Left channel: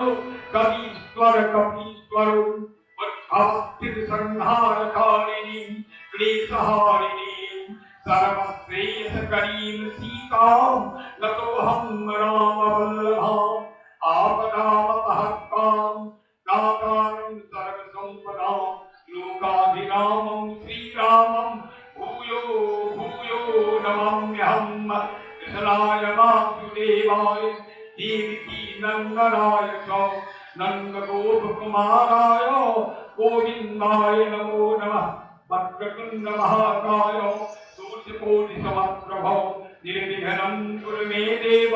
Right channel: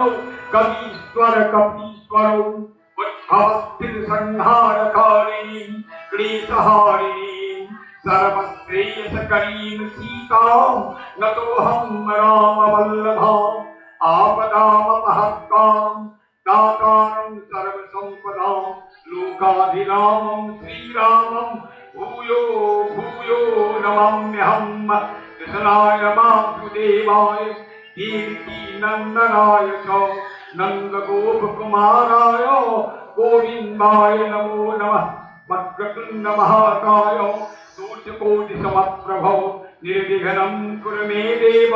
कवीश्वर कपीश्वरो वत्सास्थिर संहारकारिणी क्लेशहारिणी सर्वश्रेयसकरीं सीतां नतोऽहं रामवल्लभाम् आपदामपहर्तां दातारं सर्वसम्पदां लोकाभिरामं श्रीरामं भूयो भूयो नमाम्यहम् कृष्णाय वासुदेवाय देवकी नंदनाय च नंदगोपकुमाराय गोविन्दाय नमो नमः वक्रतुण्ड महाकाय सूर्यकोटिसमप्रभो निर्विघ्नं कुरु मे देव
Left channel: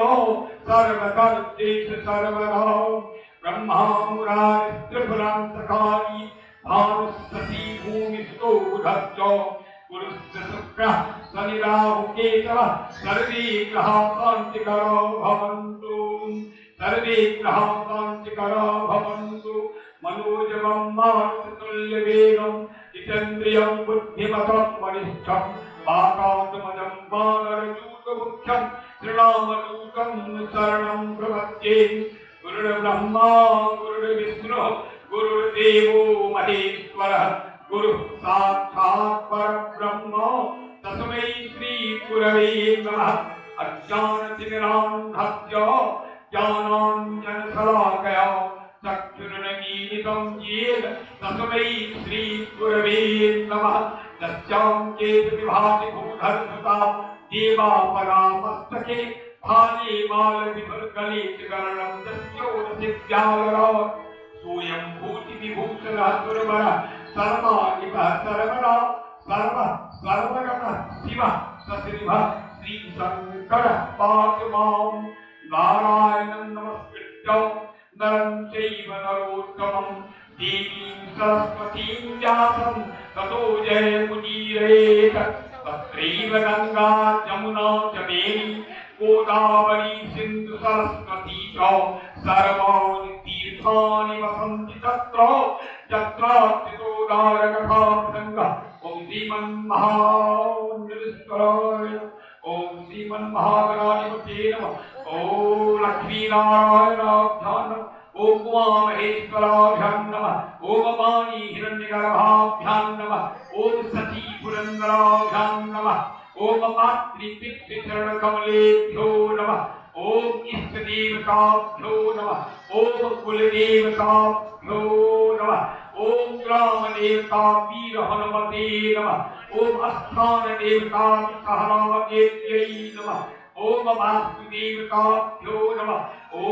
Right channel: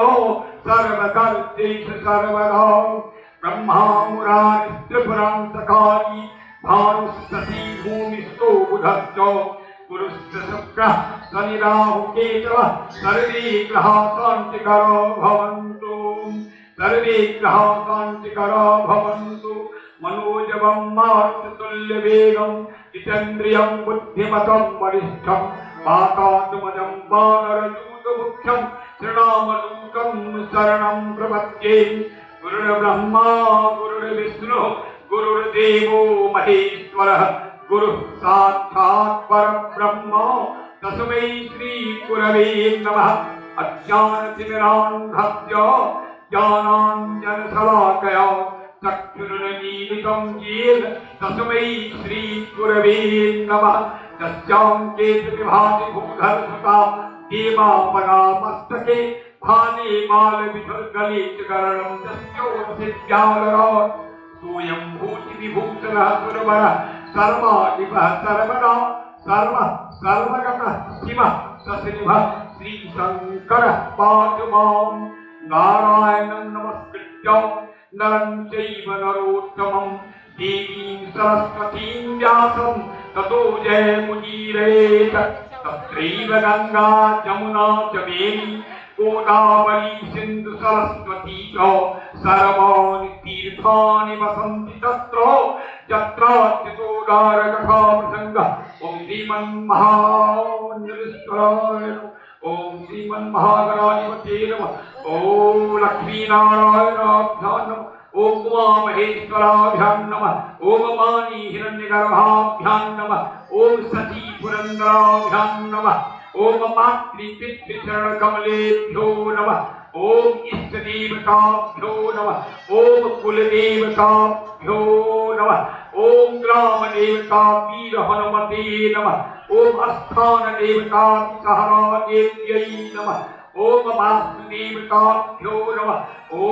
सर्वकर्तेषु सर्वदा ब्रह्मा मुरारिस्त्रिपुरान्तकारी भानुस्तसी भूमिस्थो बुधश्च गुरुश्च शुक्रः शनि राहु केतवः सर्वे ग्रहाः शान्तिकरो भवन्तु सर्वे ग्रहाः शान्तिकरो भवन्तु मनोजवं मारुततुल्यवेगं जितेन्द्रियं बुद्धिमतं वरिष्ठं वातात्मजं वानरयूथमुख्यं श्रीरामदूतं शरणं प्रपद्ये गुरुर्ब्रह्मा गुरुर्विष्णुः गुरुर्देवो महेश्वरः गुरुः साक्षात् परब्रह्म तस्मै श्री गुरवे नमः अज्ञानतिमिरान्धस्य ज्ञानाञ्जनशलाकया चक्षुरुन्मीलितं येन तस्मै श्री गुरवे नमः तस्यां केतविभाति भूधरसुता देवापरामस्तके भाले बालविधुर्गले च करणं तस्योऽसिद्ध्यालरात् सोऽयं भूतिविभूषणः सुरवरः सर्वाधिपः सर्वदा सर्वः सर्वगतः शिवः सश्रीभः श्रीशङ्करः पातु मां नारायणं नमस्कृत्य नरं चैव नरोत्तमं देवीं सरस्वतीं व्यासं ततो जयमुदीरयेत् तत्रैव गङ्गा जमुना च वेणी गोदावरी सिन्धु सरस्वती च सर्वाणि तीर्थानि वसन्ति तत्र यत्राच्युतोदारकथाप्रसङ्गः ॐ श्रीमन्महामन्त्रेश्वराय ॐ श्रीमन्महागणाधिपतये नमः ॐ लक्ष्मीनारायणाभ्यां नमः ॐ उमामहेश्वराभ्यां नमः ॐ पाणि हिरण्यगर्भाभ्यां नमः ॐ सती पुरन्दराभ्यां नमः ॐ मातृपितृचरणकमलेभ्यो नमः ॐ इष्टदेवताभ्यो नमः ॐ कुलदेवताभ्यो नमः ॐ ग्रामदेवता वीरहनुमते नमः ॐ अस्थानदेवता सहरादेव्यै नमः ॐ वास्तुदेवताभ्यो नमः ॐ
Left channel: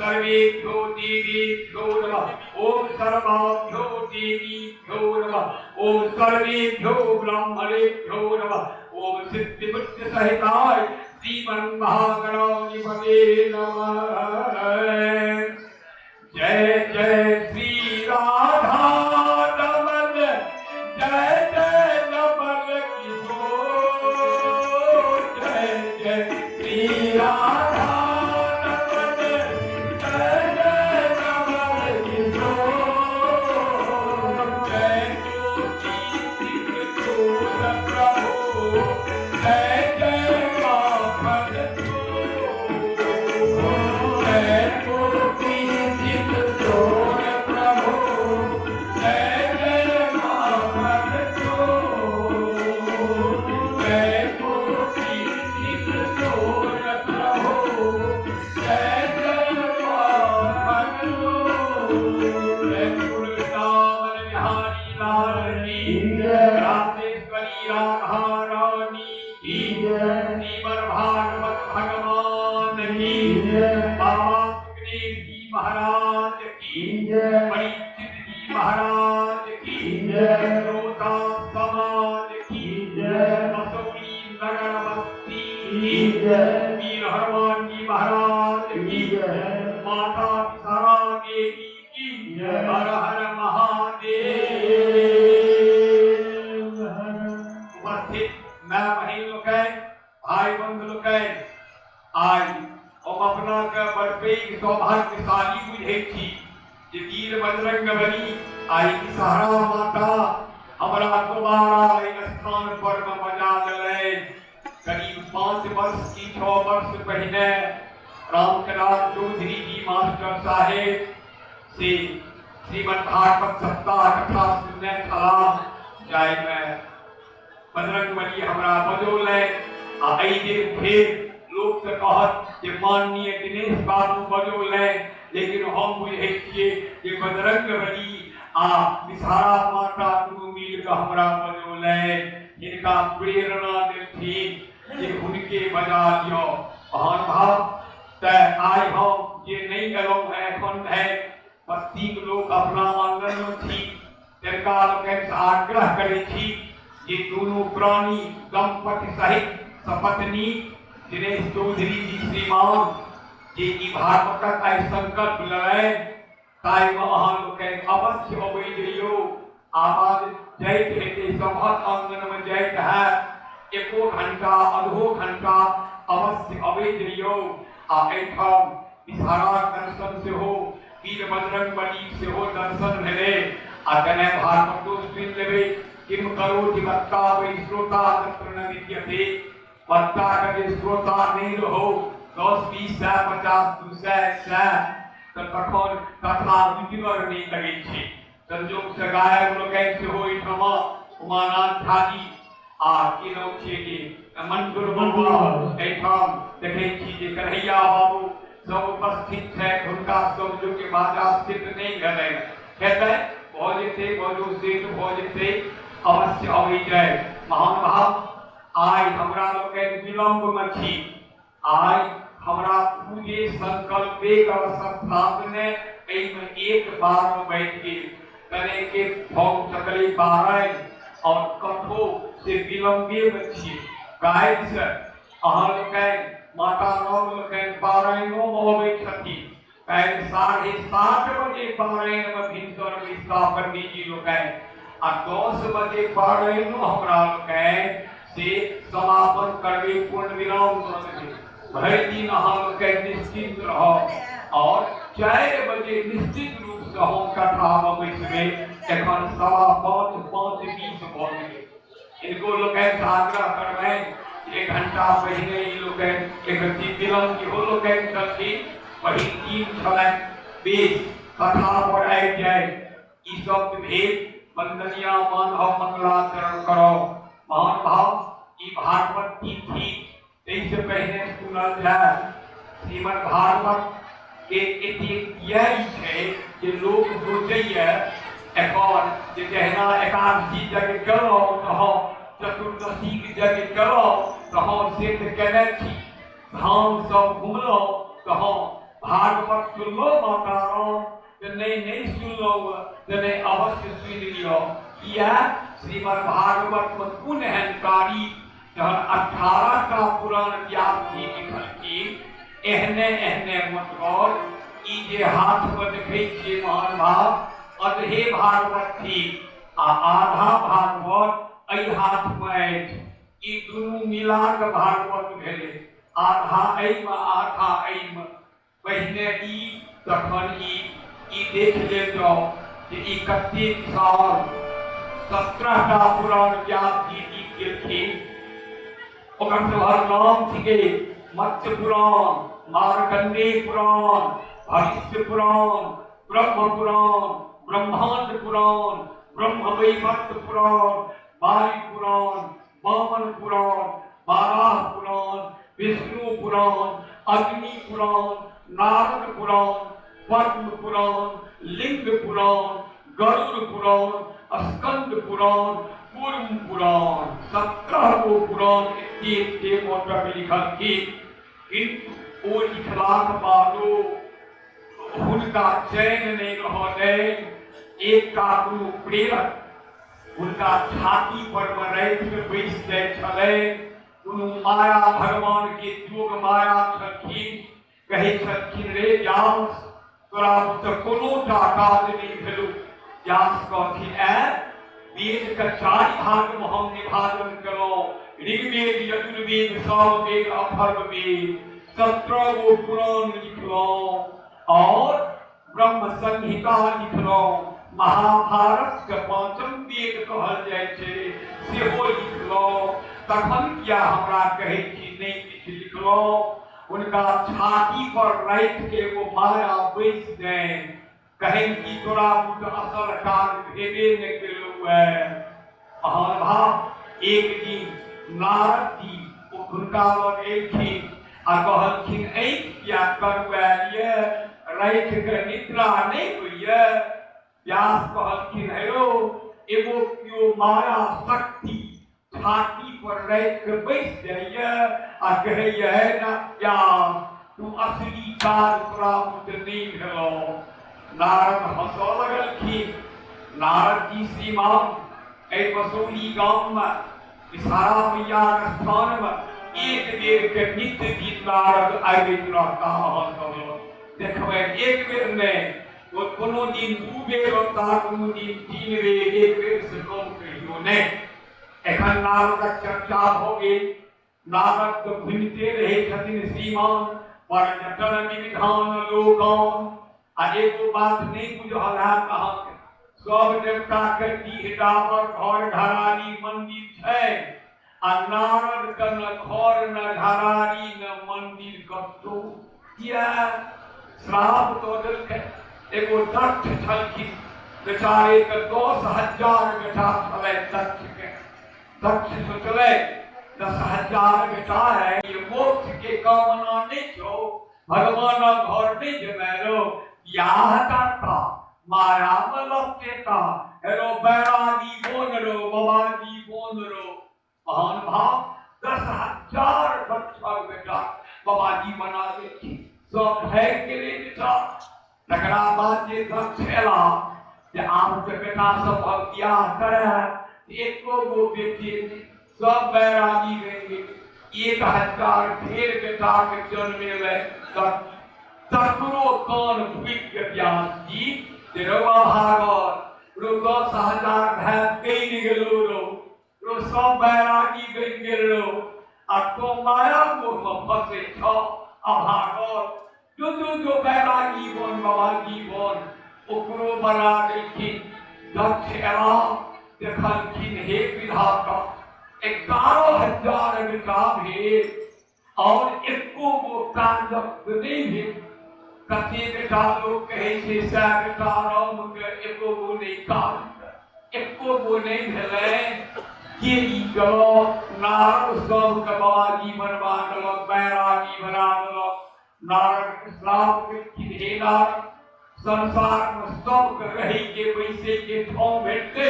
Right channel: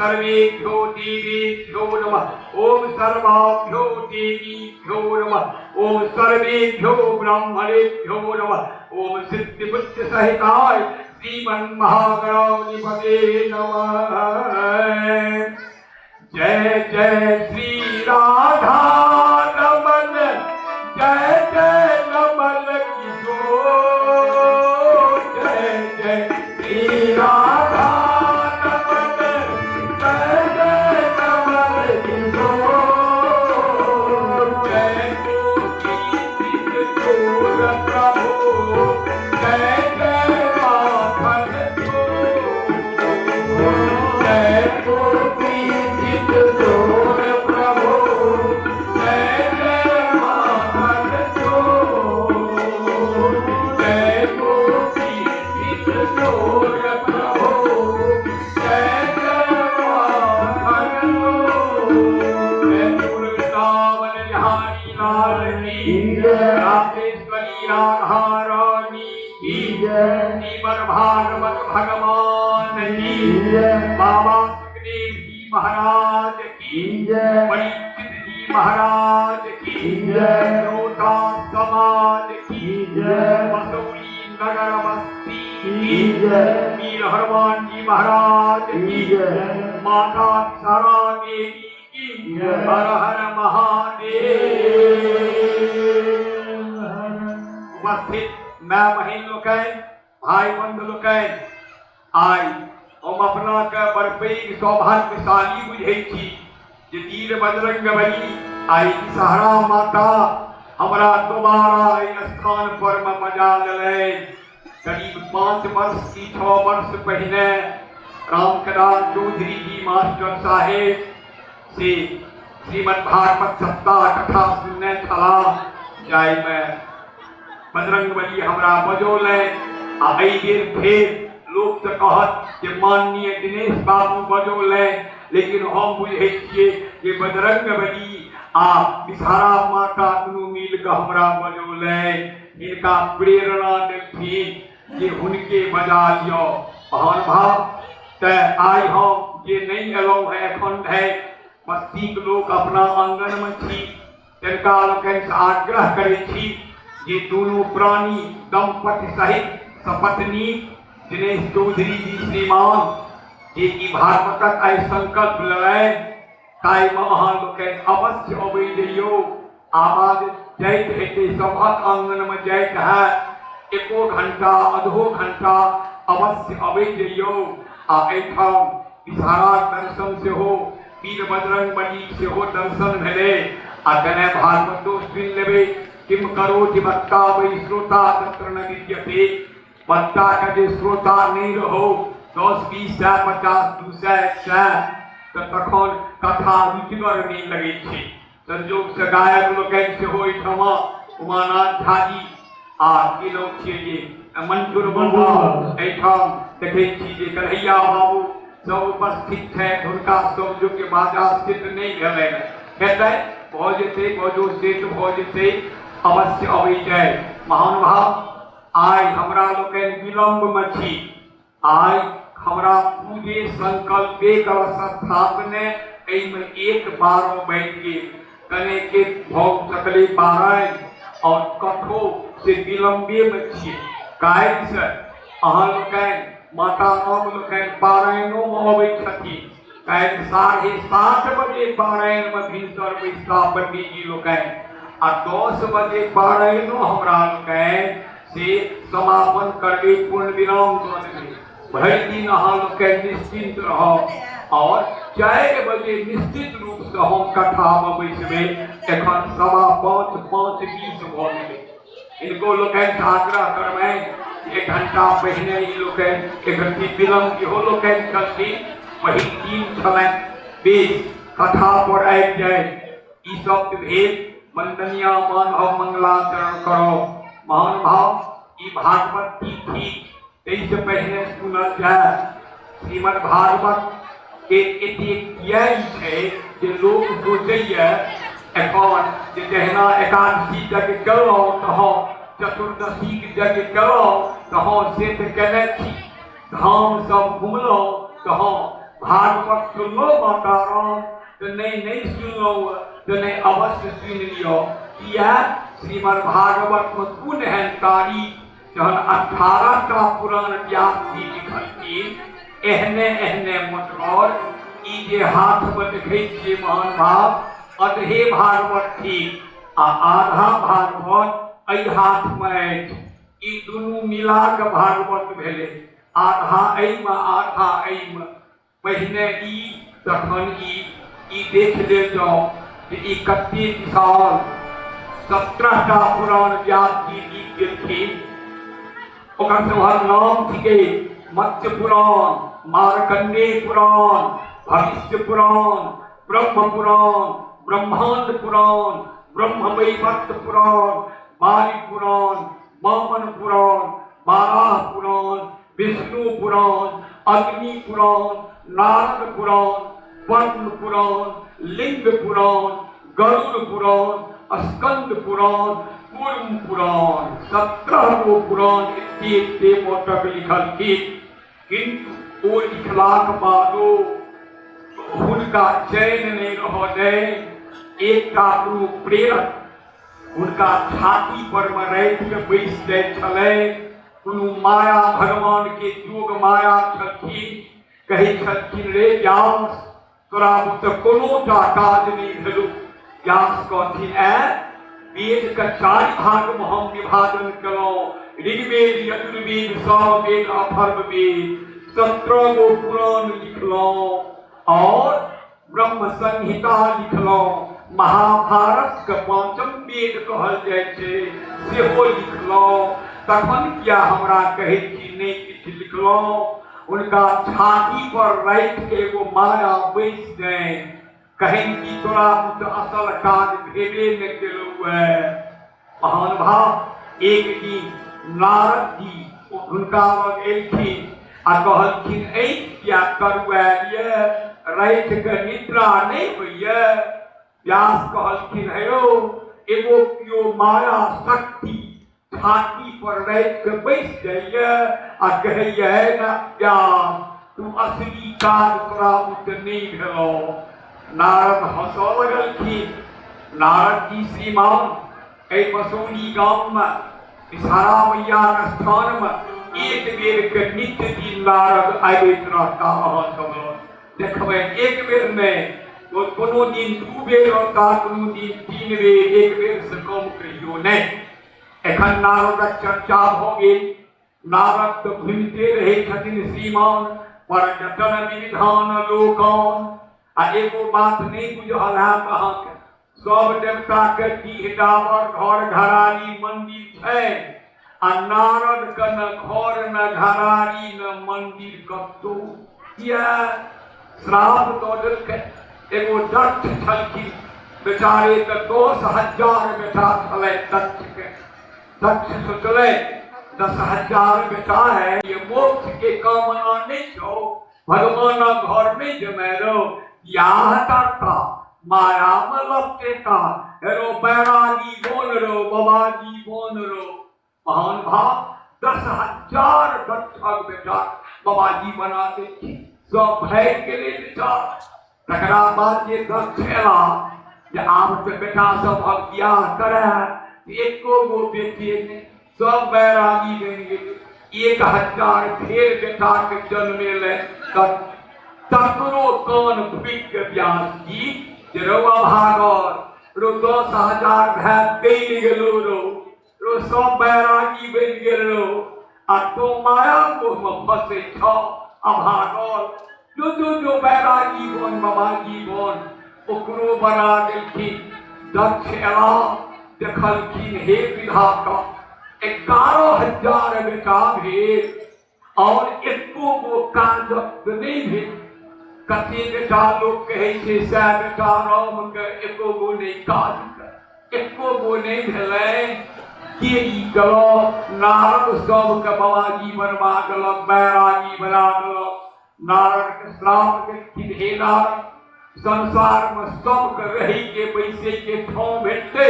सर्वेभ्यो देवेभ्यो नमः ॐ सर्वाभ्यो देवीभ्यो नमः ॐ सर्वेभ्यो ब्राह्मणेभ्यो नमः ॐ सिद्धिबुद्धिसहिताय श्रीमन्महागणाधिपतये नमः जय जय श्री राधा रमण जय जय रमण किशोर जय जय श्री राधा रमण जय जय रमण किशोर जय गोपी किशोर प्रभु जय जय माधव जय गोपी किशोर प्रभु जय जय माधव जय गोपी किशोर प्रभु जय जय माधव जय वृंदावन बिहारी लाल की राधेश्वरी राधा रानी की श्रीमद् भागवत भगवान की बाबा सुखदेव जी महाराज की परीक्षित जी महाराज की रोता समाज की मसूरी नगरवस्ती की वीर हनुमान जी महाराज की माता सारा देवी की हर हर महादेव उपस्थित मैं बहन लोग भाई बंधु लोग आई हम अपना के बड़पई सौभाग्यशाली बुझे छी जे तीर बजरंग बली आई सहारा माता हमरा दोबारा इन स्थान पर मजा ले करीब 5 वर्ष की 6 वर्ष पहले रामकदास चौधरी जी मास्टर साहेब से श्रीमद् भागवत सप्ताह कथा सुनने चला जाए में बजरंगबली हमरा बजौले आ दिन फिर लोग तो कहत कि माननीय दिनेश बाबू बजौले लेकिन हम बुझे छिए कि बजरंगबली आ विषहारा माता दुनू मिल के हमरा बजौले इनका प्रेरणा देलथिन कि हुनके बजा लियो महान भाव ते आइ हम जे नहीं एलौं है एखन है बस्ती के लोग अपना आंगन में छी तिनका लोकनि आग्रह करै छी जे दोनों प्राणी दंपति सहित सपत्नी दिनेश चौधरी जी श्रीमान जे की भागवतक आइ संकल्प लय ताई अहाँ लोकनि अवश्य अबै जइयो आवाज जाइत हेतै सभक आंगन में जाइत है एको घंटा आधो घंटा अवश्य अबै जइयो आ एठाम विषहारा दर्शन से हो वीर बजरंगबली से हो दर्शन भेले आ तने भागवतो सुनि लेबै किम करोति वक्ता वै श्रोता तत्र न विद्यते वक्ता का जे श्रोता नहीं रहो 10 20 50 200 100 तो तखन कथा रुचिगर नहीं लगे छै संजोग से गायक लोकनि से हो एठमा उमानाथ झाजी आ की लोग छियै जे मंटूर बाबा एठाम देखै छी जे कन्हैया बाबू सब उपस्थित है उनका सब जो के बाजा सिद्ध नहीं भेलै हेतै भऽ जेतै बजो सिद्ध भऽ जेतै अवश्य अबै जाय महान भाव आइ हमरा लोकनि विलम्ब में छी आइ हमरा पूजे संकल्पे स्थापने एहिमे 1 बार में बैठ के कने के भोग सकले पारायण और कठो से विलम्बे में छी काहे से अहाँ लोकनि माता राम लोकनि पारायणों में अबै छथिन काहे 7:30 बजे पारायण में भीतर बैसका पंडित जी लोकनि आ 10 बजे पारायणों हमरा लोकनि से समापन करके पूर्ण विराम दऽ देबै भरि दिन अहाँ लोकनि निश्चिंत रहब और 4 बजे निश्चित रूप से हम कथा में बैसबै एखन 5:15 भऽ गेलै इनको लोकनि आग्रह करबनि 1 घंटा पहिने ई लोकनि एकरती विलम्ब के हो लोकनि छलखिन पहिल दिन छलनि बेस कथा पर आबि जाय ई सब भेद वंदनिया मानव मंगलाचरण करो महान भाव ई भागवत तिथि से पहले सुनल जाए श्रीमद् भागवत के एतेक यही है जे लोग सोचैया एखन जे जहिना एकादशी जग गेलहुँ तऽ चतुर्दशी जग गेलहुँ तऽ से तऽ केने छी धाम सब घुमलहुँ तऽ भागवत सुनलहुँ माता राम तऽ नहीं सुनलहुँ तऽ नहीं अवश्य सुनि लियो किया श्रीमद् भागवत में कोन एहन तारीख जहन 18टा पुराण व्यास जी लिखलखिन एहने एहने मतलब ई जे हाथ में देखै छियै महान भाव अधे भागवत थी आ आधा भागवत एहि हाथ में अछि ई दुनू मिला के भागवत भेलै आधा एहिमे आधा एहिमे पहिने ई तखन ई देख ले जाओ कि ई कते विशाल 17टा पुराण व्यास जी लिख गेलखिन ओकर सभक नाम थिके मत्स्य पुराण मार्कंडेय पुराण भविष्य पुराण ब्रह्म पुराण ब्रह्मांड पुराण ब्रह्म वैवर्त पुराण वायु पुराण वामन पुराण बाराह पुराण विष्णु पुराण अग्नि पुराण नारद पुराण पद्म पुराण लिंग पुराण गरुड़ पुराण स्कंद पुराण कूर्म पुराण 17 गो पुराण इतने मोटक लिखलखिन किंतु ओ लिखलाक बादो हुनका चैन नहीं रहलै एकटा गुरु प्रेरक उनका छाती पर में राखि के बैस जाय छलै कोनो माया भगवान के जोग माया छलखिन कहै छलखिन रे व्यास तोरा तऽ कोनोटा काज नहीं भेलौ व्यास कहथिन वेद का 4 भाग में हम विभाजन करो ऋग्वेद यजुर्वेद सामवेद अथर्ववेद 17 गो पुराण लिखलो और ब्रह्म संहिता लिखलो महाभारत के 5म वेद कहल जाय छै सेहो लिखलो तखन किया हमरा कहै छी नहीं किछ लिखलो उनका छाती पर रख के वो माया बैठ गए। कहें कि तोरा मुझ असल काज भेदे न केलू है। महान भाव एक दिन नारद जी उनका लग एलखिन आ कहलखिन क्या करवालिए रात के निद्रा नहीं होइए। व्यास कहलखिन हेरो एगो कियो माया शक्ति छाती पर रख के बैठ जाइए आ कहिए ना व्यास तू असली काज प्राप्त नहीं भेलो। नारद हंसो लगलखिन। नारद जी श्रीमान मसौली गांव में विषहारा मैया स्थान में एक बेर के नित्य दिन नारद आबैत रहता। देखबे एक बेर में तो कोनो दिन दू बेर होता, कोनो दिन तीन बेर, एक बेर से कम कहियो नहीं। एखन नारदक चर्चा भ गेल। नारद तो घूमते रहे छथिन श्रीमान पर्यटन विधान लोकन। आ एगो बात नहीं बुझल है कहाँ सब देवता के डीह डाबर घर घरारी मंदिर है आ नारद के न घर न घरारी न मंदिर कतो। श्राप दो देलकै। एगो दक्ष छलखिन बेचारे के 10,000 बेटा छलै दक्ष के। दक्ष सोचलै 10,000 बेटा है ये मोक्ष के कामना नहीं छो भगवान घर में जमेरो याता माया में लपटेता हेरो बैरागी बोल रो बाबाजी बोल रो। महान भाव 10,000 दक्षक बेटा बाबाजी बना दे सब भय के लिए बेटा। तकरा बाद ये दक्ष एला जे आब के बेटा सब अब बियाह करे एको गो बेटी ने सब बैरागी बन गेल। 1,000 फेर बेटा के जन्मे ले तकरो कान भुक के व्यास जी जे रौआ भागल रो 10,000 भाग गई गेलो रो सब बैरागी बन गेल रो आ तो माया को फंसे छ अभागल जो बैरागी बन बाबाजी बन ओकरो बना देलखिन। दक्ष एला देखलखिन हे विधाता 11,000 बेटा भेल और एको गो काजक नहीं भेल। कते बेटा लोग कहे छे से बेटा राम के एको गो नहीं काज एको गो नहीं भेलै के ई गलो नारद सब के बाबाजी बनवा देलक बैरागी बना देलक। नारद के श्राप के खिधेला संसार में सब के रही के पैसे के ठाव भेटते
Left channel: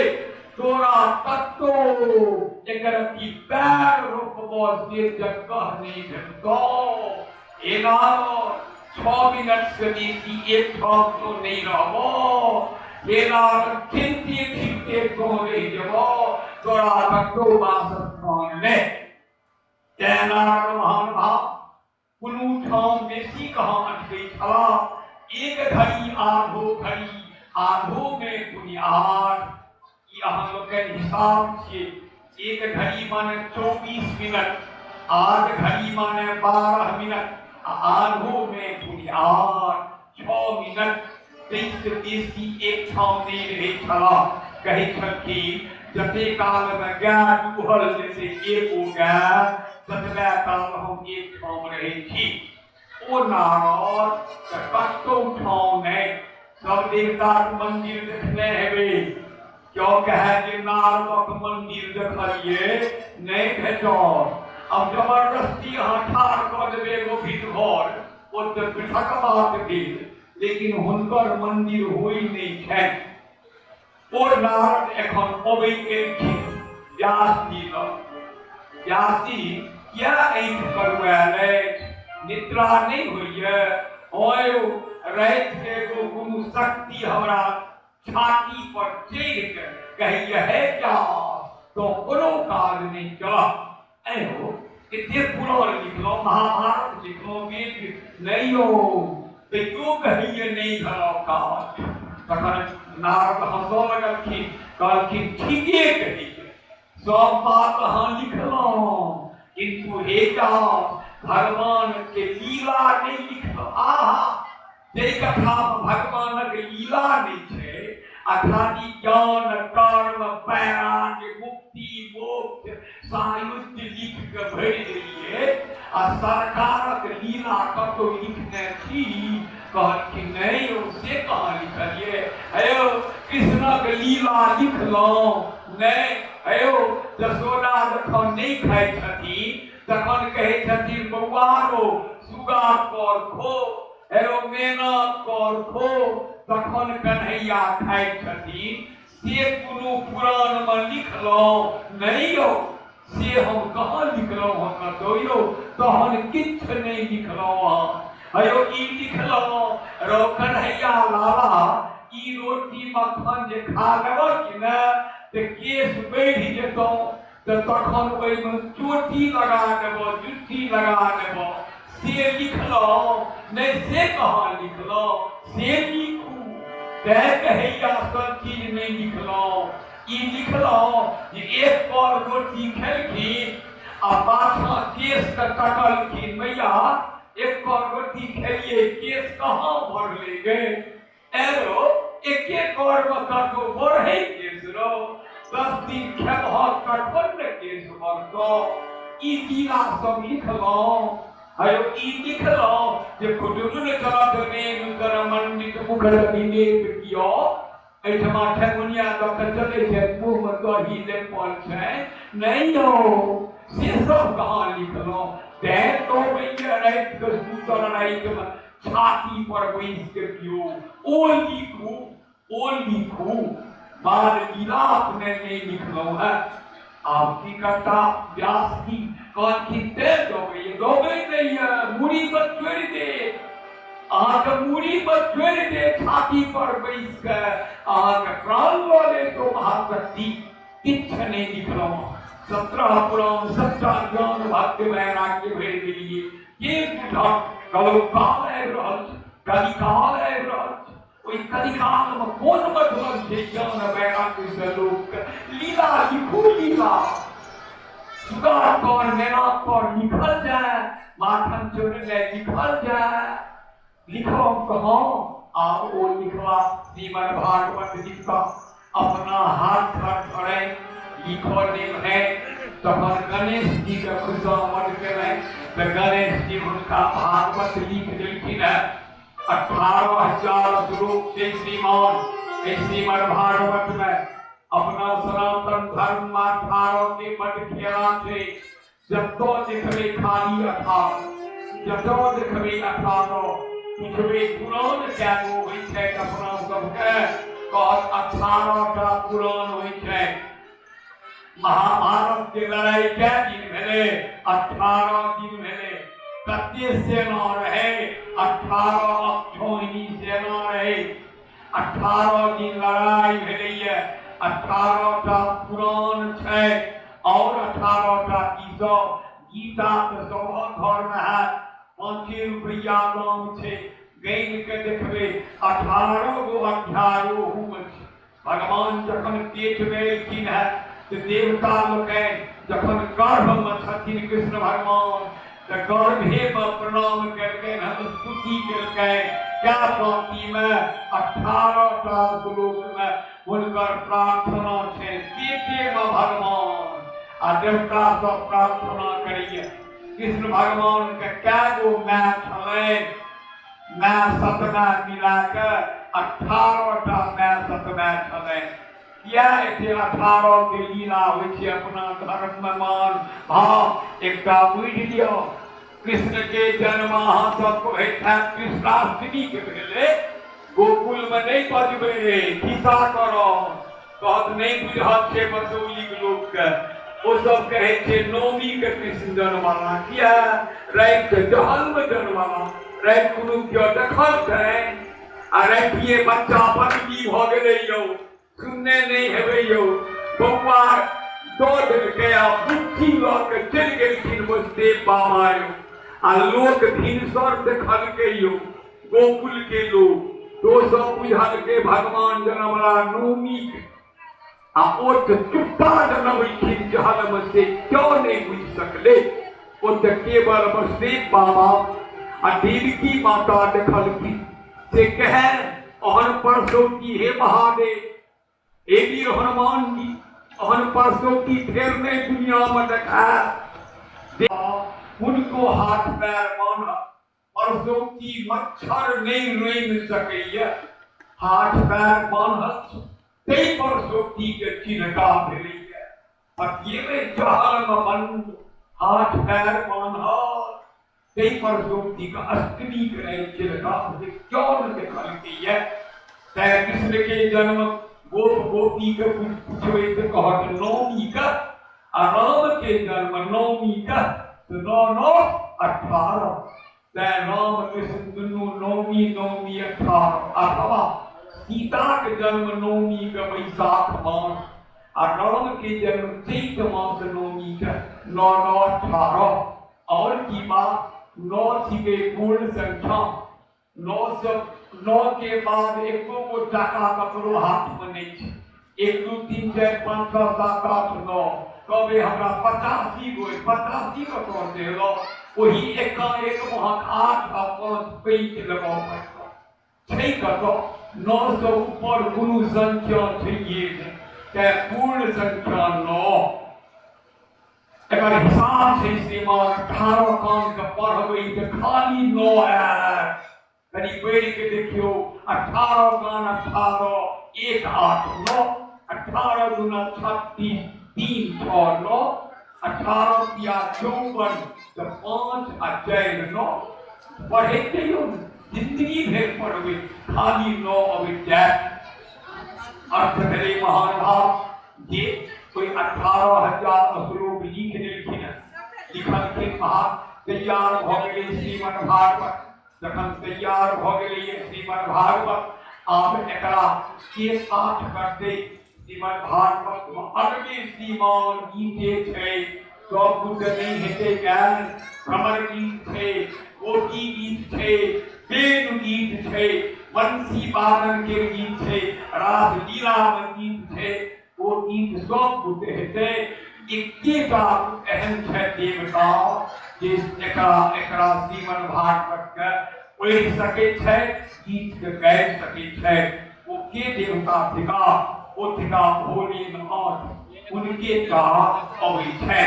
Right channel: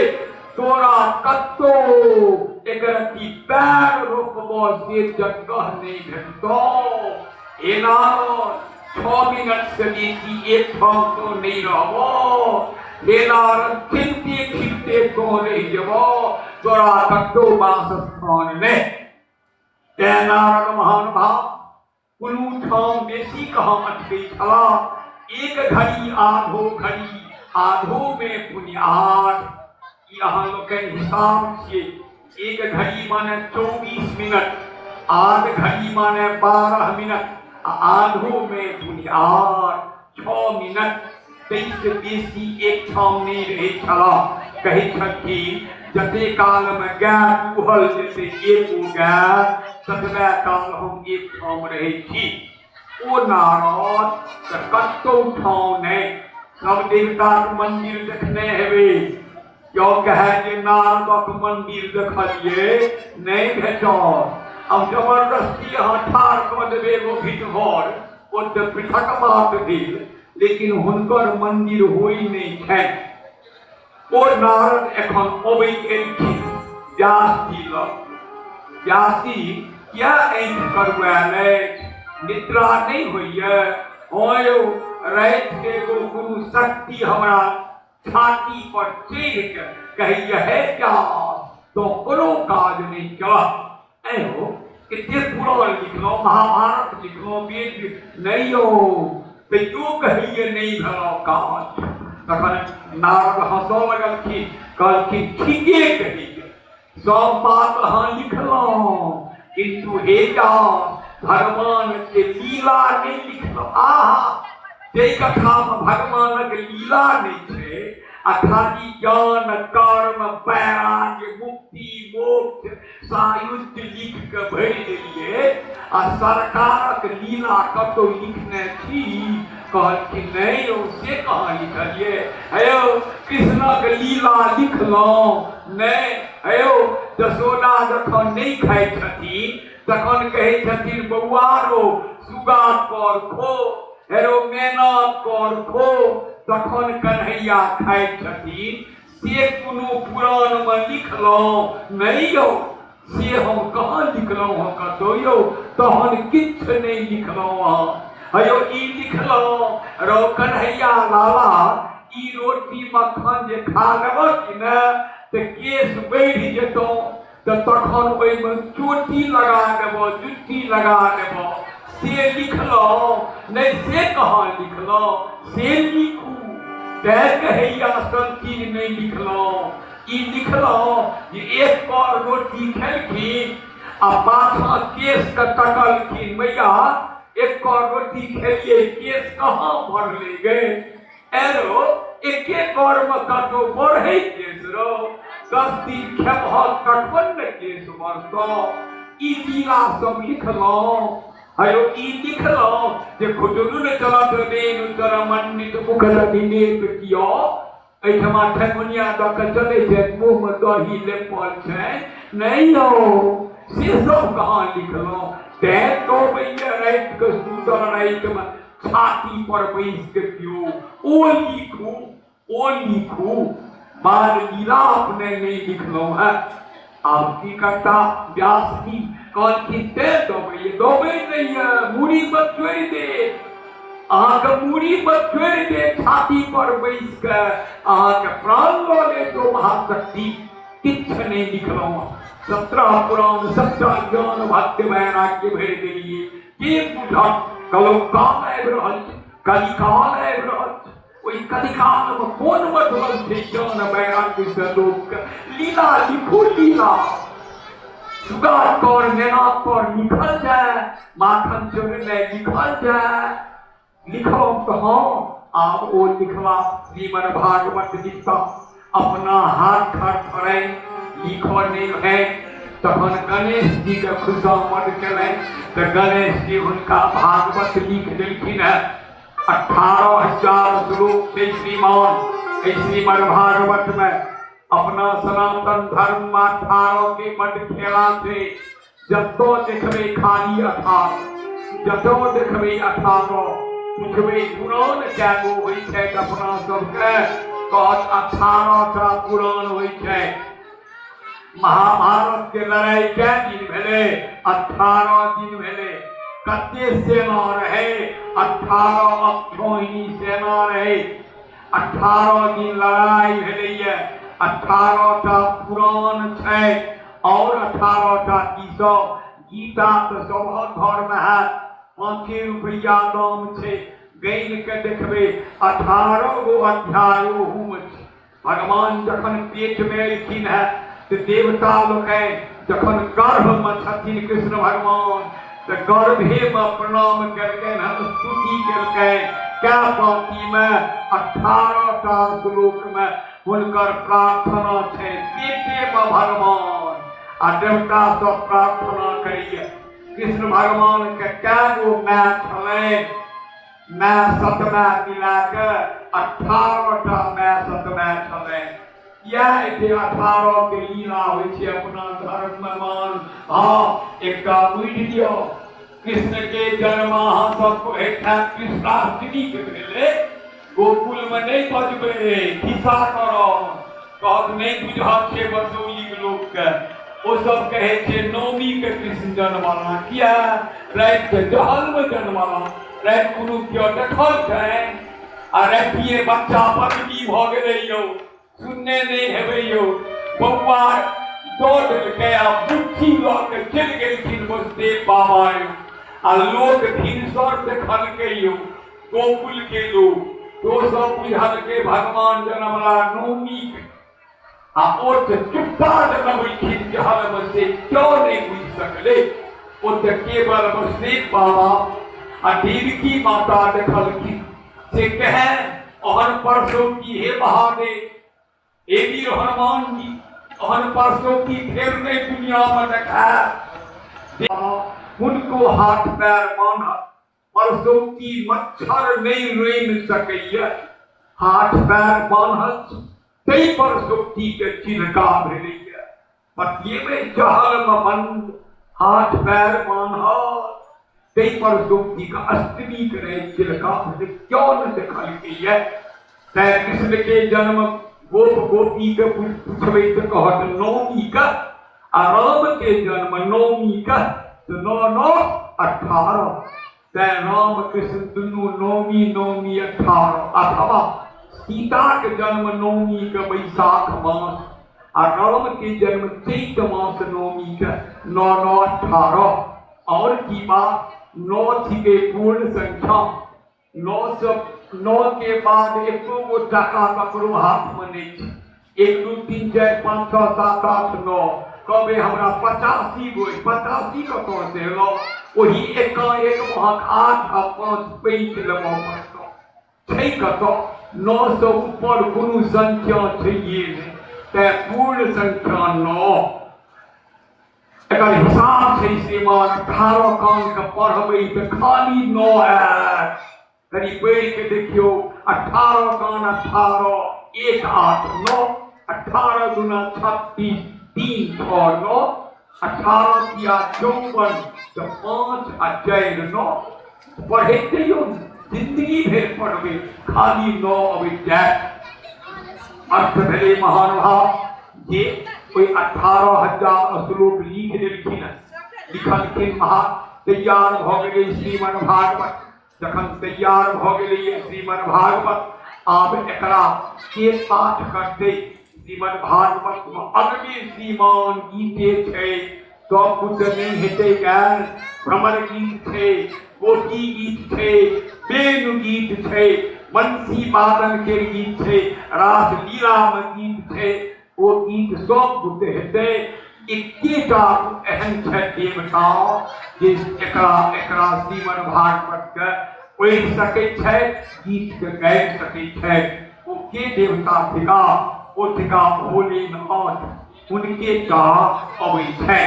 तोरा कत्तो एकर की पैर रोकबो से जगह नहीं भेटतो। ए नारद 6 मिनट से बेसी एक ठाव तो नहीं रहो। हे नारद खिलते खिलते को नहीं जबो तोरा कत्तो वास स्थान में। ते नारद महान भाव कुनु ठाव बेसी कहाँ अटके छला। एक घड़ी आधो में पुनियार यहाँ लोग हिसाब से एक घड़ी माने 24 मिनट आध घड़ी माने 12 मिनट आधो में पुनियार 6 मिनट 23 बेसी एक ठाव नहीं रहे छला। कहे छथि जते काल में गाय दुहल जैसे एको गाय ततबे काल हम एक ठाव रहे छी। ओ नारद कत्तो ठाव नहीं सब देवता मंदिर देखने हेबे क्यों कहे जे नारदक मंदिर देखलिए नहीं भेटल। अब जबरदस्ती यहाँ ठाड़ कर देवे एगो भीड़ घर ओ तो पृथक बात भेल लेकिन हुनकर मंदिर होई नहीं है। ओ नारद एखन अबै केलखिन व्यास जी लग। व्यास जी क्या ऐठ करवाले निद्रा नहीं होइए होयो रात के एगो गुरु शक्ति हमरा छाती पर चढ़ के कहिए है क्या तो करो काज नहीं चला। ऐहो इतने पुराण लिखलो महाभारत लिखलो वेद नहीं हो तो क्यों कहिए नहीं भलो काज। तखन नारद हंसो लगलखिन कहलखिन ठीके कहिए सब बात अहाँ लिखलो किंतु हे भगवान के लीला नहीं लिखलो। आहा जे कथा में भगवान के लीला नहीं छे आ अखादी ज्ञान कर्म वैराग्य मुक्ति मोक्ष सायुज्य लिख के भर दिए आ सरकारक लीला कतो लिखने थी कहलखिन नहीं से कहाँ लिखलिए हेयो कृष्णक लीला लिखलहुँ नहीं हेयो जसोदा जखन नहीं खाइ छथिन तखन कहै छथिन बौआ रो सुगा कर खो हेरो मैना कर खो तखन कन्हैया खाइ छथिन से कोनो पुराण में लिखलहुँ नहीं यौ से हम कहाँ लिखलहुँ हँ कतौ यौ तहन किछ नहीं लिखलहुँ हँ हेयो ई लिखलहुँ रो कन्हैया लाला ई रोटी मक्खन जे खा लेबऽ कि ने तऽ केश बढ़ि जेतौ तऽ तखन ओहिमे चोटी लगा देबऽ जुत्ती लगा देबऽ से लिखलहुँ नहीं से कहाँ लिखलहुँ से लिखू कहैया सब चीज नहीं लिखलहुँ ई लिखलहुँ जे एक कौर रोटी खेलखिन आ पाछा केश के तकलखिन मैया एक कौर रोटी खेलिए केश कहाँ भरले गए एरो एके कौर में कतो बढ़े केश रो 10 दिन खेबह कटवन में केश भरतो ई लीला सब लिखलहुँ हेयो ई लिखलहुँ जे खुदुन चलत रेणु तर मंडित मुखर निलेप कियो एठमा ठकुनिया दऽ कऽ चलै छै मुँह में दही लेपल छै नहीं यौ से सब कहाँ लिखलहुँ तैं तो मैया राति के सुतर राति में छाती पर बैस के कियो ओ लिखू बाल लीला अपने नहीं लिखलहुँ है आप की करता व्यास की कौन खींचते दोबे नहीं है मुड़ी पर छोड़ दे आके मुड़ी पर छोड़ दे छाती पर बैस के आके प्राण ले तो महाशक्ति किछ नहीं लिखलहुँ 17 पुराण 17 ज्ञान भक्ति वैराग्य भर देलिए के बुझा कलो काल आबि रहल कलिकाल आबि रहल ओहि कलिकाल में कोन मतलब छै ज्ञान वैराग्य से लोक लीला लिखू लीला सुगा पर नेना पर लिखल जाए माखन चोर में लिखल जाए लिखो कहाँ आप वो लिखवा श्रीमद् भागवत गीता अपना हाथ खड़े लिखो नहीं है तहन गणेश जी के खुशामद करें तो गणेश जी उनका भागवत लिख देलखिन है 18,000 श्लोक से श्रीमान श्रीमद् भागवत में अपना सनातन धर्म में 18 के बड़ खेला थे जब तो देखबे खाली 18 जब तो देखबे 18 पूछबे पुराण कैगो होइ छै अपना सबके कहत 18 टा पुराण होइ छै महाभारत के लड़ाई क्या दिन भेले 18 दिन भेले कते सेना रहे 18 अक्षोहिणी सेना रहे 18 दिन लड़ाई भेले 18 टा पुराण छै और 18 टा की सब गीता तो सब घर में है 5 रुपया दाम छै गैन के देखबे 18 गो अध्याय ओहू भगवान जखन पेट में एलखिन है तो देवता लोग जखन गर्भ में छथिन कृष्ण भगवान तो गर्भे में प्रणाम करके स्तुति करके क्या पाती में 18 टा श्लोक में हुनकर प्रार्थना है पेटे में भगवान आ देवता सब प्रार्थना करिए कृष्ण भगवान के क्या गो मैं छले मैं सतमा मिला के 18 टा मैं सतमा छले या एते 18 के लीला होइ छै अपना धर्म में मान भाव एकटा बुझि दियो कृष्ण के जन्म अहाँ सबको हेठा कृष्णाष्टमी के भेले गोकुल में नहीं बजबे खिस्सा करो कहत नहीं बुझत छै बसोई लोक के ओ सब कहे छै नवमी के कृष्ण जन्मला किया राति के जहल में जन्मला राति कोनो क्यों देखल छै आ रातिए बच्चा बदली भ गेलै यौ सुनने नहीं है यो बउआ दौड़ गया बुद्धि लग चल गेलखिन वसुदेव बाबा आ लोक भिनसर देखल के यो गोकुल के लोग तो सब बुझल के भगवान जन्मला नवमी आ ओ चुप्पा जनमलखिन जहल में से क्यों नहीं बुझ सकले ओ केवल वसुदेव बाबा आ देवकी माता देखलखिन से कहे और परसों की हे महादेव एवी हनुमान जी अहन परसों की फिर ने दुनिया में देखा उनको हाथ पैर माना परसों की मच्छर नहीं रेन सके हाथ पैर बांधत कई परसों की के चिन्हका भेली है पतिये में जहल बंद हाथ पैर बांधा कई परसों की का अष्टमी करे चिन्हका क्यों न दिखा लिखी है तय कृष्ण के जन्म गोप गोपी के पूछवे तो कहत नौमी का राम के जन्म नौमी का तो 9-9-18 तय राम कृष्ण दोनों नौमी नौमी 18 अथवा सीता के जन्म नौमी का बैसाख मास और राम के जन्म चैत मास नौमी का 9-9-18 और की बात 9 थी के पूर्ण संख्या 9 के बाद एक गो टका ककरो हाथ में नहीं 1 2 3 4 5 6 7 8 9 कबे हमरा 85 गो 85 कतो से लो वही एक वहां 8 आ 5 पैंच लगो छै कतो 900 ऊपर गुरु संख्या चाहिए ते पूर्ण संख्या 9 एकर हिसाब से श्रीमान 18 कान के पढ़बै त खाली 9 है कहीं बैठ के देखियो 18 कान 18 1 8 9 18 गुना 36 3 6 9 18 किया 54 तो 5 आ 4 9 पढ़ते हो जिंदगी भर पढ़ोगे खाली 9 अभी जाए अर्थ भले महान भाव ये कोई 18,000 श्लोक लिख देलखिन लिखल के महा तैयार भ गेलै श्रीमद् भागवत जखन तैयार भ गेलै श्रीमद् भागवत आब एकरा के पाठ करते श्रीमद् भागवत में अगले श्रीमान गीते छै सब कुछ नहीं हेते ज्ञान भ्रमर गीत छै कोटि गीत छै वेद गीत छै बंसी वादन के गीत छै रास लीला में गीत छै वो गीत सब कुछ हेते एकेटा एहन छै देवता जे एकरा श्रीमद् भागवत के पढ़ि सकै छै गीत के गाबि सकै छै वो के देवता थिका ओ थिका भोलेनाथ उनके का अबै छै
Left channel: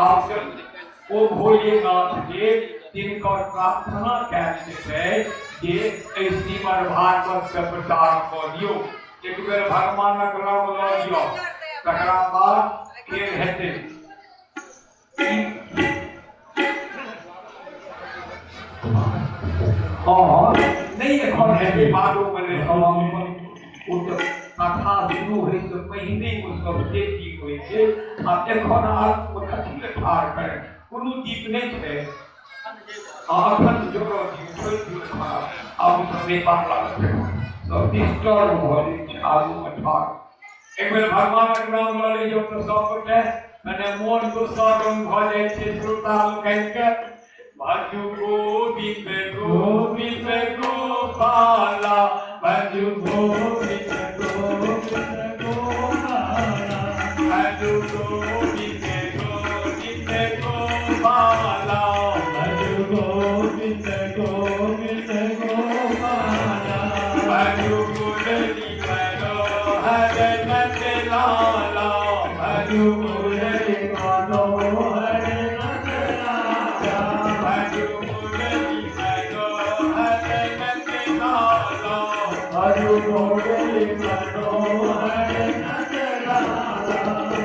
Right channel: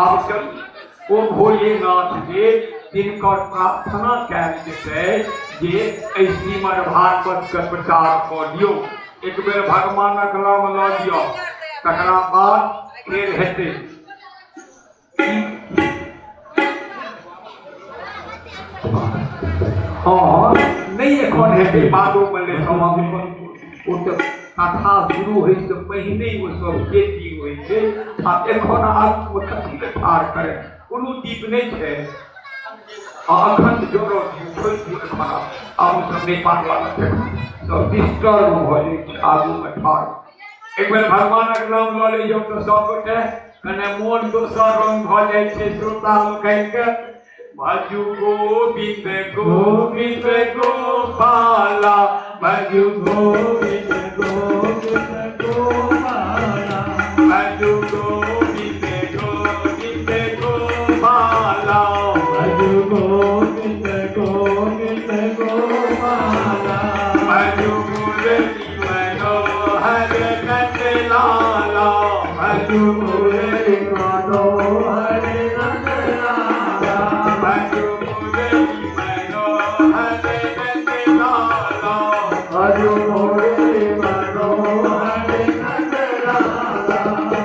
आब ओ भोलेनाथ के जिनकर प्रार्थना कयल जेतै जे एहि श्रीमद् भागवत के प्रचार कऽ दियौ एक बेर भगवानक नाम लऽ लिअ तकरा बाद फेर हेतै हाँ नहीं एखन हेतै बादो में कथा शुरू होइ से पहिने वो सब खेती होइ छै आ एखन आत्म कथी के ठार करे कोनो दीप नहीं छै अखन जोड़ो छोड़ दियौ खराब आब सब नेपाल वाला सब डिस्टर्ब भ जाइ छै आगू में ठार एक बेर भगवानक नाम लऽ लियौ तऽ सब गोटे कने मोन दोसर रंग भ जाइ छै श्रोता लोकनि के भजु गोविंद गोविंद गोपाला भजु गोविंद गोविंद गोपाला भजु गोविंद गोविंद गोपाला भजु गोविंद गोविंद गोपाला भजु मुरली मनोहर नंद लाला भजु मुरली मनोहर नंद लाला भजु मुरली मनोहर नंद लाला भजु मुरली मनोहर नंद लाला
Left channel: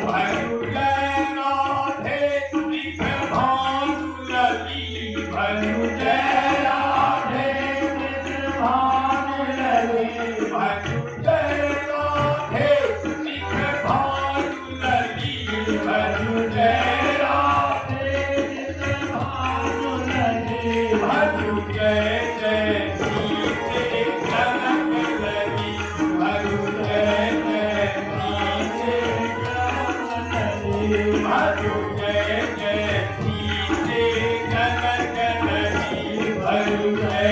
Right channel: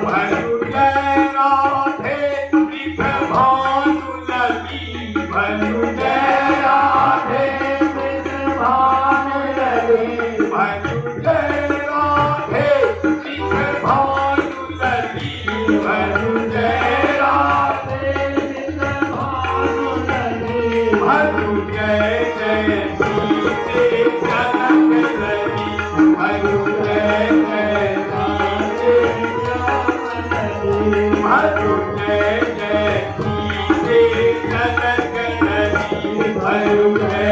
भजु जय राधे नित भानु लगी भजु जय राधे नित भानु लगी भजु जय राधे नित भानु लगी भजु जय राधे नित भानु लगी भजु जय जय सीते जनक लगी भजु जय जय सीते जनक लगी भजु जय जय सीते जनक लगी भजु जय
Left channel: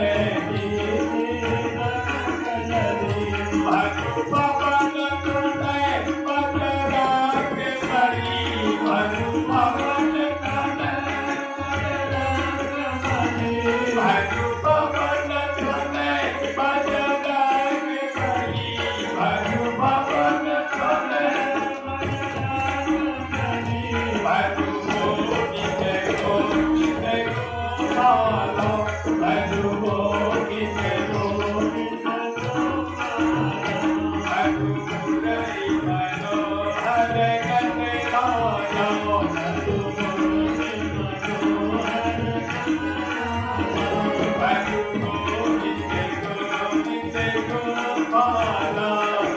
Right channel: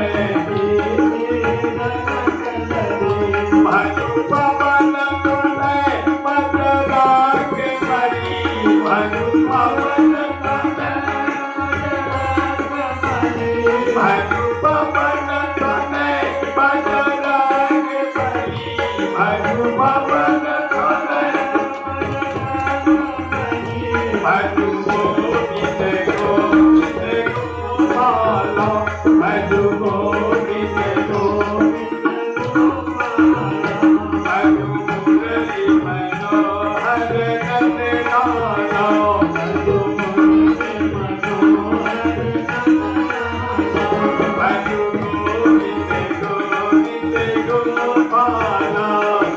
जय सीते जनक लगी भजु पवन कनय पद राग मणि भजु पवन कनय पद राग मणि भजु पवन कनय पद राग मणि भजु पवन गोपाला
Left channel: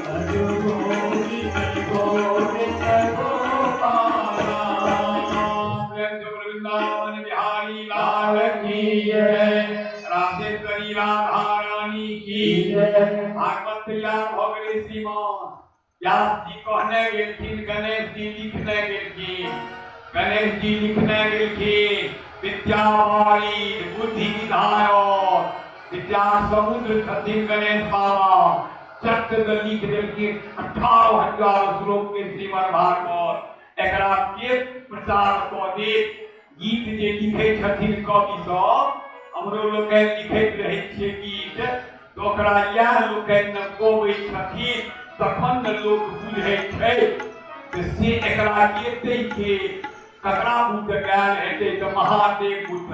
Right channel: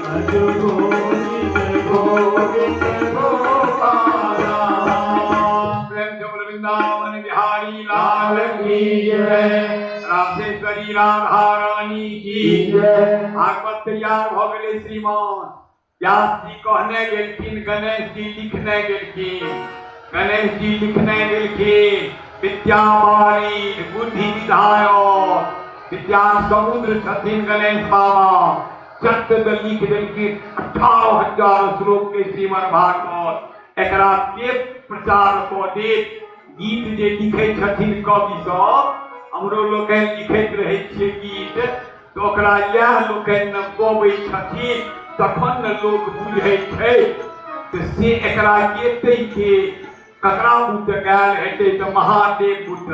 भज गोविंद गोपाला। प्रेम से वृंदावन बिहारी लाल की जय, राधेश्वरी राधा रानी की जय। भागवत तैयार भ गेलै श्रीमान। व्यास जी कहने गेलखिन, गणेश जी लिखने गेलखिन, गणेश जी लिखने गेलखिन विद्यावाणी बुद्धि विधायक विद्या समुद्र छथिन गणेश बाबा। चट लिख देलखिन 18,000 श्लोक के श्रीमद् भागवत। एकरा के प्रचार कऽ देत। गीत जे लिखे छथिन कवि सब, हमरो लोग लिखैत रहे छियै गीत, तो ओकरा इएह लोग गबै छथिन, तखन न लोग बुझै छै। तऽ से एकरा गेतै के ककरा बुत गायल हेतै तऽ महादेव बुत।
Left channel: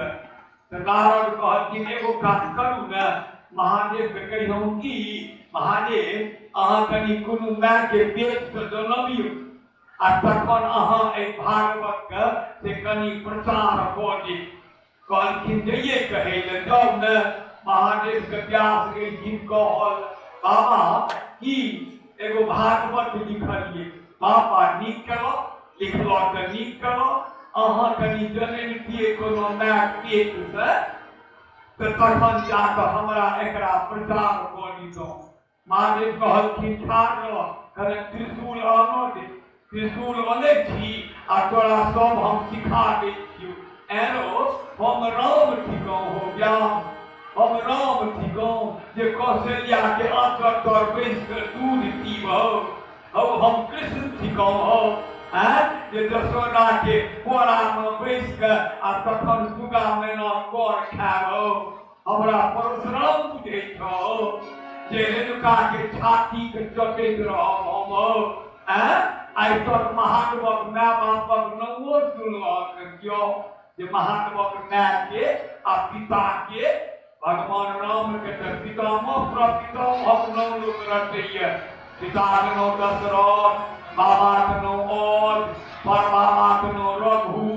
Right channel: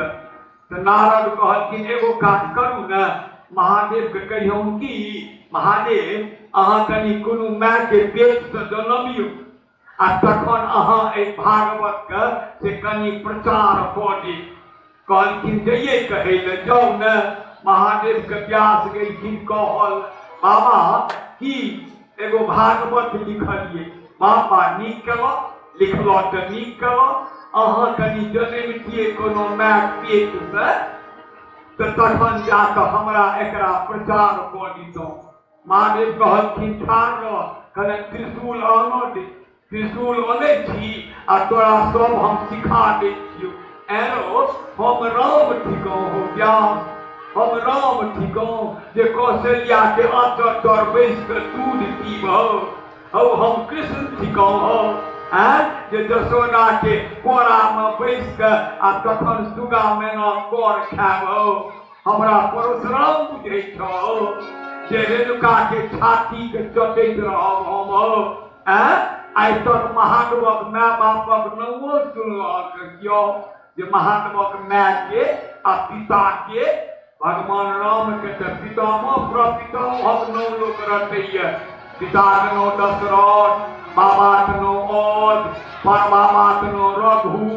तऽ नारद कहलखिन एगो काज करू ने, महादेव के कहियौ कि महादेव अहाँ कनि कोनो माय के पेट से जनमियौ, आ तखन अहाँ एहि भागवत के से कनि प्रचार कऽ दी। कहलखिन जइए कहै लए जाउ ने। महादेव के व्यास गेलखिन कहल, बाबा की एगो भागवत लिखलिए। बाबा नीक केलौ, लिखलो तऽ नीक केलौ। अहाँ कनि जनमितिए कोनो माय पेट से, तऽ तखन जाकऽ हमरा एकरा प्रचार कऽ दितौ। महादेव कहलखिन ठाढ़ रह, कने त्रिशूल आनऽ दे। त्रिशूल आनै छी आ तोरा सब हम सिखा दै छियौ। एनो हम राम थिकौ हो व्यास, हम राम थिकौ जे कौशल्या के आंचर तर बैस के दूध पीबौ। हो हम कृष्ण थिकौ हो जे जसोदा के कोरा में बैस के आ तखन सुगा मैना कर खाबौ। हमरा परशुराम बुझै छौ जे रेणुका के छाती के चटैत रहब हम। आइ तक महादेवक माय बापक नामो सुनलक कियो जे महादेवक माय के आ पिता के, भगवान राम के तऽ पितामह प्रपितामह नाम लोक रटैया। पिता के नाम दशरथ, बाबा के नाम औध, परबाबा के नाम रघु,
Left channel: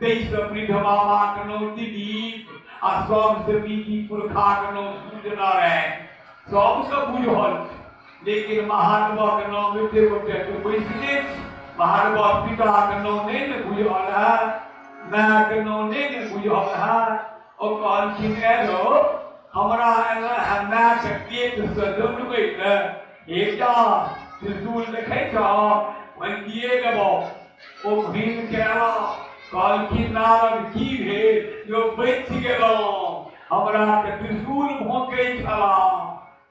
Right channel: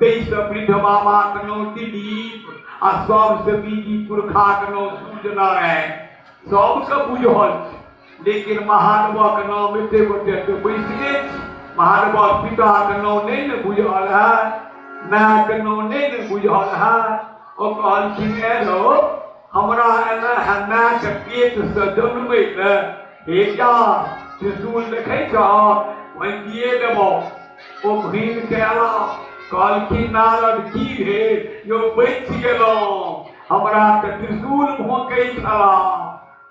तेईस वृद्ध बाबा के नाम दिलीप, आ सबसे बीजी पुरखा के नाम सूर्यनारायण। सबके बुझल, लेकिन महादेवक नाम एते गोटे के बैसले। महादेवक पिता के नाम नहीं ने बुझल है, माय के नाम नहीं ने बुझल है। ओ कहलखिन एलो हमरा एना है माय के पेट से जन्मै ले, हे क्या त्रिशूल देखै छौ वही दिए देबो। ओ घुमि के आला, कहलखिन नारद की भेल यो बचि गेलहुँ, हमरा तऽ त्रिशूल भोंकै छला।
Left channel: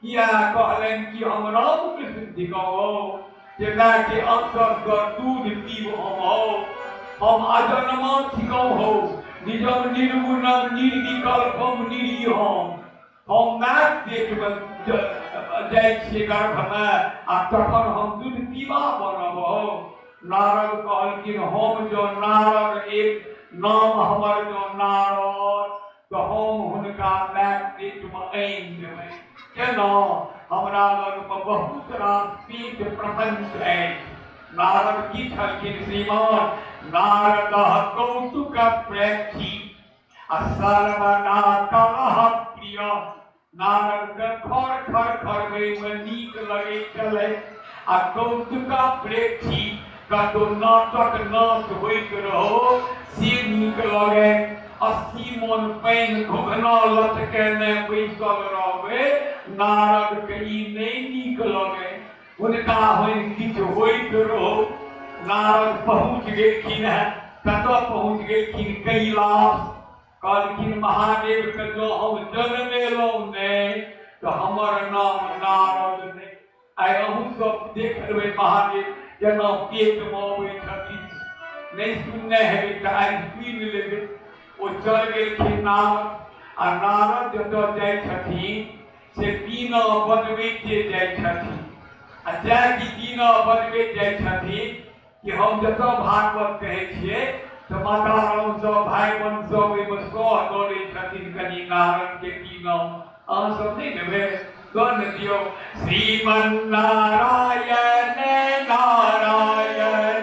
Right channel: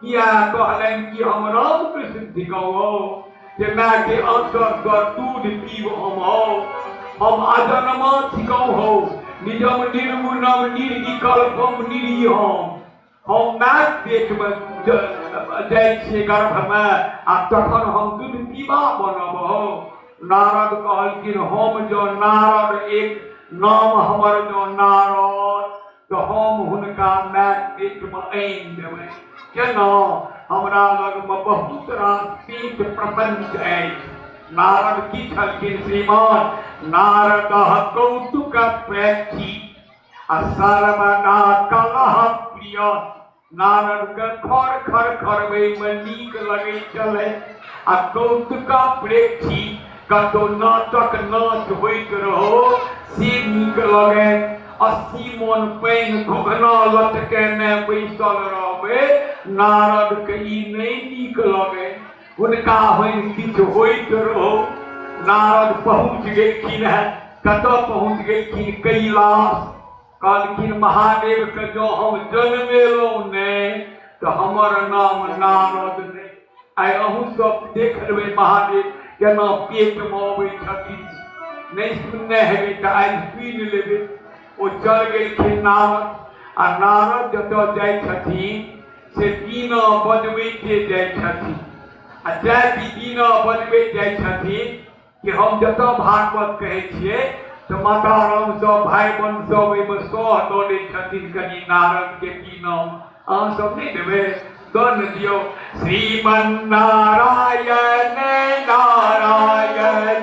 किया कहलन कि हम राम कृष्ण थिकौ जे माय के आंचर पर दूध पीब हम अजन्मा थिकौ हो, निजम निर्गुणम निर्विकल्पम निरीहम। हम माय पेट में जाइ छियै गर्भ में, आ तखन हम दूध पीबा बनब। नारद कहलखिन हम जो नारद एक नाम हमर जो नारद, तो हम हुनका माय पेट में आनि देबै। केना हमरा लग में बहुत रास पीठ प्रपंच अछि। नारद की छलखिन श्रीमान, नारद कौतुक प्रेक्षी आ सर्वदा कलह प्रिय। नारद के खर खर खरबै में नीक लगै छलै, आ कौतुक प्रेक्षी कतौ नाटक नाच होइत रहो से नीक लगै। 80 मन पैन घुघना लटकेने बैसल रहबै, नारद के ई नहीं नीक लगे। हुनका किछु होइत रहो। नारद पहुँच गेलखिन है, कतऽ पहुँच गेलखिन कैलाश। कहलखिन महादेव के जो हम जन्मेलहुँ ने तो हमर नाम नारद नहीं। आइ अहूँ सब देख लेबै महादेव केना पेट में अबै छथिन, नहीं सुनने हेबै तऽ आइ सुनि लेबै। ओ चल गेलखिन नारद, आ नारद जतऽ जाइ छथिन से बीना बजबैते जाइ छथिन। आ जाय कि बीना बजबैत जाइ छथिन कि हम जतऽ भागवत कहै छियै तऽ माता राम सब भाई बहन सब एहिमे सह दऽ दै छथिन कनि नारद के बीना। अहाँ सब नहीं देबै, दऽ ने दियौ। श्रीमन नारायण नारायण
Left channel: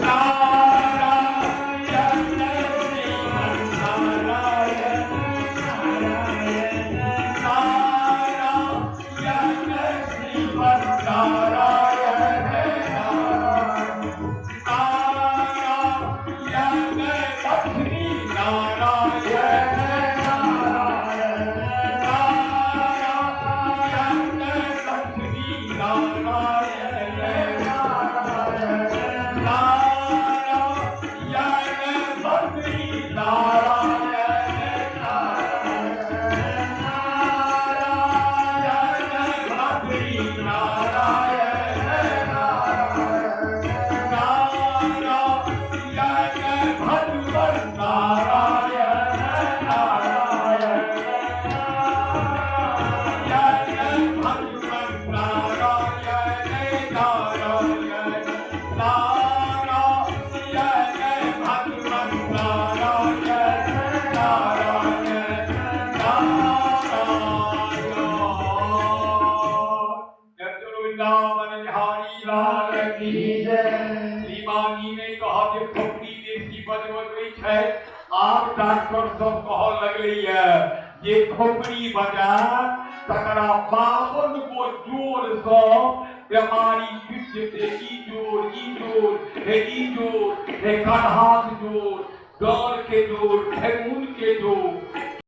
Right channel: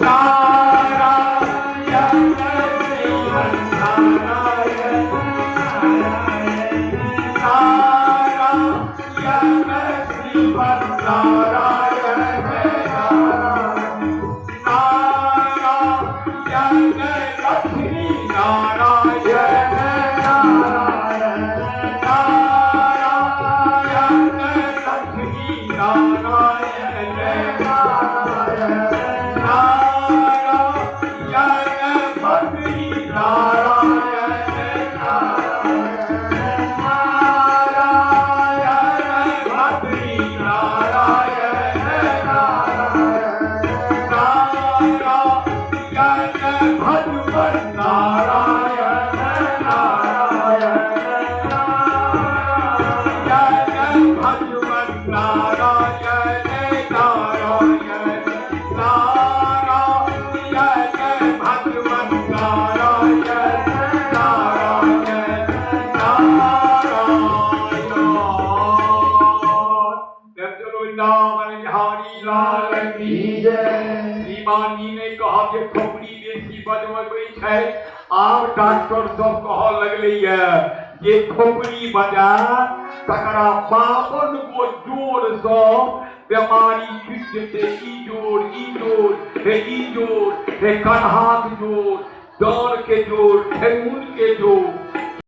नारायण श्रीमन नारायण नारायण नारायण श्रीमन डॉक्टर सब कह लगलिए ये खोपड़ी बजा तकरा 52 गो जोड़ सँ बीमारी छूट जेते ई जोड़ हे कन्हा के जोड़ दौड़ के जोड़ ठेहुन के जोड़